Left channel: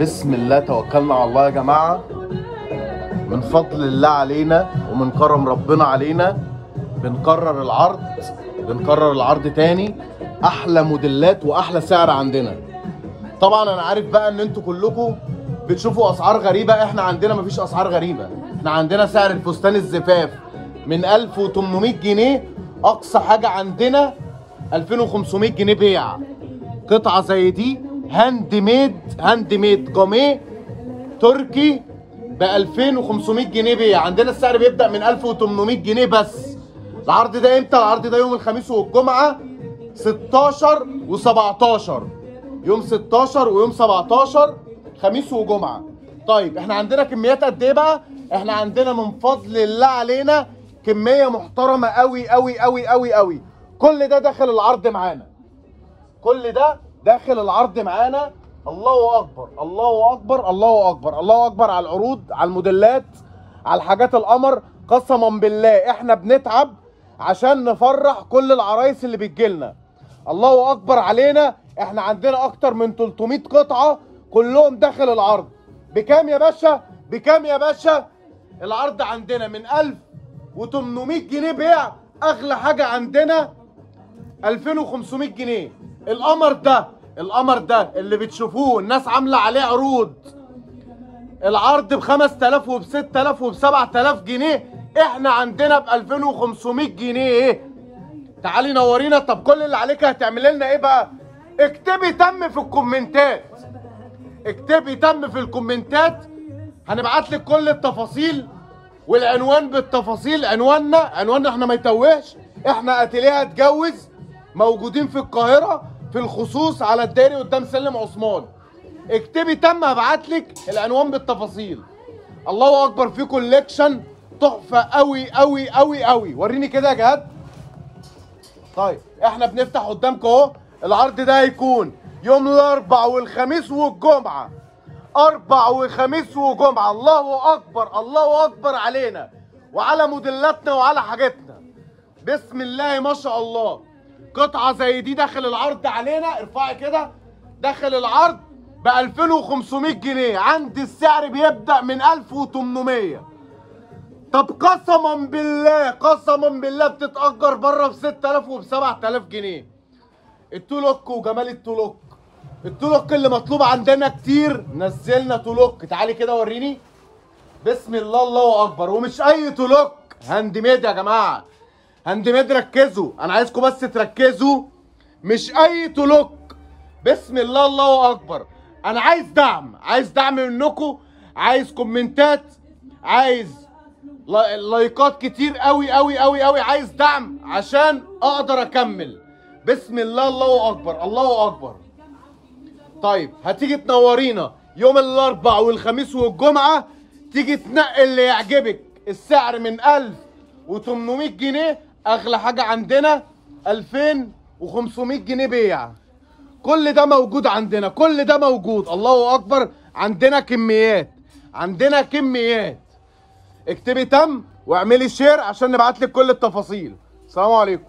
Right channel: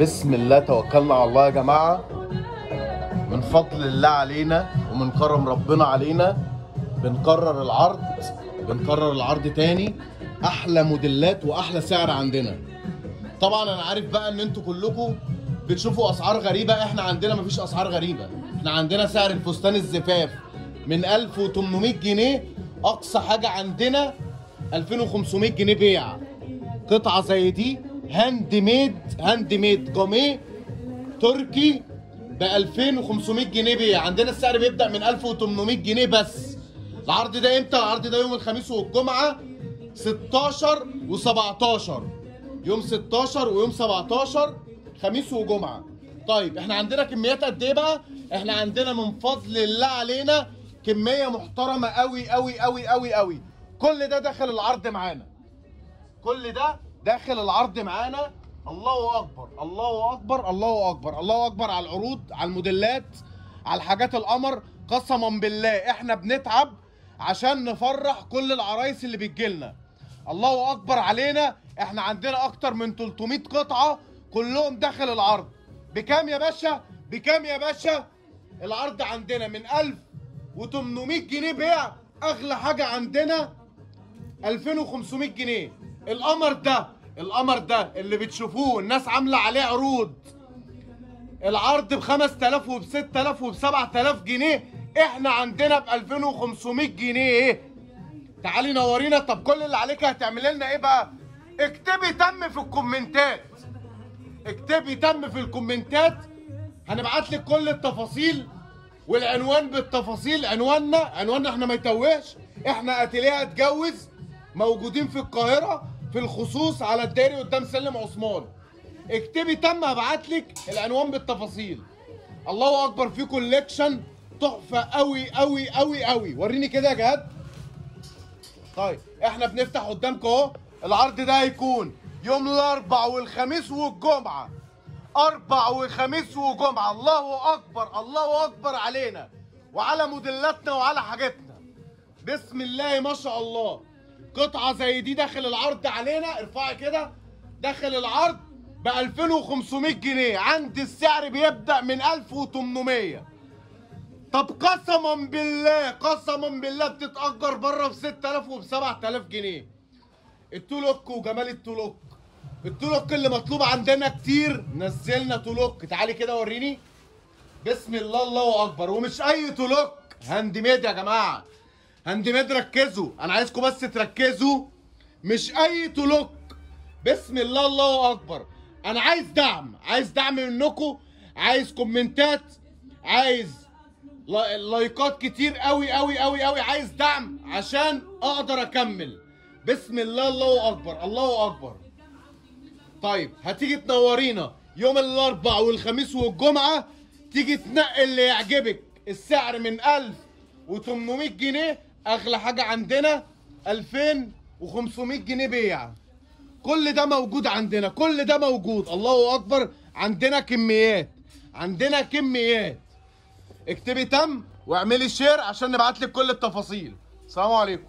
بسم الله توكلنا على الله يا جماعة. من فضل الله علينا ومن كرم ربنا علينا بنكرر العرض تاني. احلى موديلات واحلى سعر عندنا. طبعا انا عارف بقى ان انتوا كلكم بتشوفوا اسعار غريبة. احنا عندنا مفيش اسعار غريبة. احنا عندنا سعر الفستان الزفاف من 1800 جنيه، اقصى حاجة عندنا 2500 جنيه بيع. قطعة زي دي هاند ميد جاميه تركي ب 2500 جنيه بيع. عندنا السعر بيبدأ من 1800 جنيه بس. العرض ده امتى؟ العرض ده يوم الخميس والجمعة 16 و17، يوم 16 ويوم 17 خميس وجمعة. طيب احنا عندنا كميات قد ايه بقى؟ احنا عندنا من فضل الله علينا كمية محترمة قوي قوي قوي قوي قوي. كل ده داخل العرض معانا. كل ده داخل العرض معانا. الله اكبر الله اكبر الله اكبر الله اكبر على العروض، على الموديلات، على الحاجات القمر. قسما بالله احنا بنتعب عشان نفرح كل العرايس اللي بتجيلنا. الله اكبر علينا. احنا عندنا اكتر من 300 قطعة كلهم داخل العرض. بكام يا باشا؟ بكام يا باشا؟ العرض عندنا من 1800 جنيه بيع، اغلى حاجة عندنا 2500 جنيه. القمر ده اللي بتشوفوه الناس عامله عليه عروض، العرض ب 5000 وب 6000 وب 7000 جنيه، احنا عندنا ب 2500 جنيه. تعالي نورينا. طب كل اللي عليك هتعملي لنا ايه بقى؟ اكتبي تم في الكومنتات. اكتبي تم في الكومنتات، هنبعت لك كل التفاصيل والعنوان بالتفاصيل. عنواننا احنا ما يتوهش. احنا اتيليه هتجوز، موجودين في القاهرة في الخصوص على الدائري قدام سلم عثمان. اكتبي تم، هبعتلك العنوان بالتفاصيل. الله اكبر، في كوليكشن تحفة قوي قوي قوي قوي. وريني كده يا جهاد. طيب احنا بنفتح قدامكم اهو. العرض ده هيكون يوم الاربع والخميس والجمعة. اربع وخميس وجمعة. الله اكبر الله اكبر علينا وعلى موديلاتنا وعلى حاجتنا. بسم الله ما شاء الله. قطعة زي دي داخل العرض علينا، ارفعي كده، داخل العرض ب 2500 جنيه. عندي السعر بيبدأ من 1800. طب قسما بالله بتتأجر بره ب 6000 وب 7000 جنيه. التولوك وجمال التولوك اللي مطلوب عندنا كتير. نزلنا تولوك. تعالي كده وريني. بسم الله الله اكبر. ومش اي تولوك، هاند ميد يا جماعه. هاند ميد. ركزوا، انا عايزكم بس تركزوا. مش اي تولوك. بسم الله الله اكبر. انا عايز دعم منكم، عايز كومنتات، عايز لايكات كتير قوي قوي قوي قوي. عايز دعم عشان اقدر اكمل. بسم الله الله اكبر الله اكبر. طيب هتيجي تنورينا يوم الاربع والخميس والجمعه، تيجي تنقي اللي يعجبك. السعر من 1800 جنيه، اغلى حاجه عندنا 2500 جنيه بيع. كل ده موجود عندنا، كل ده موجود. الله اكبر. عندنا كميات. اكتبي تم واعملي شير عشان نبعت لك كل التفاصيل. السلام عليكم.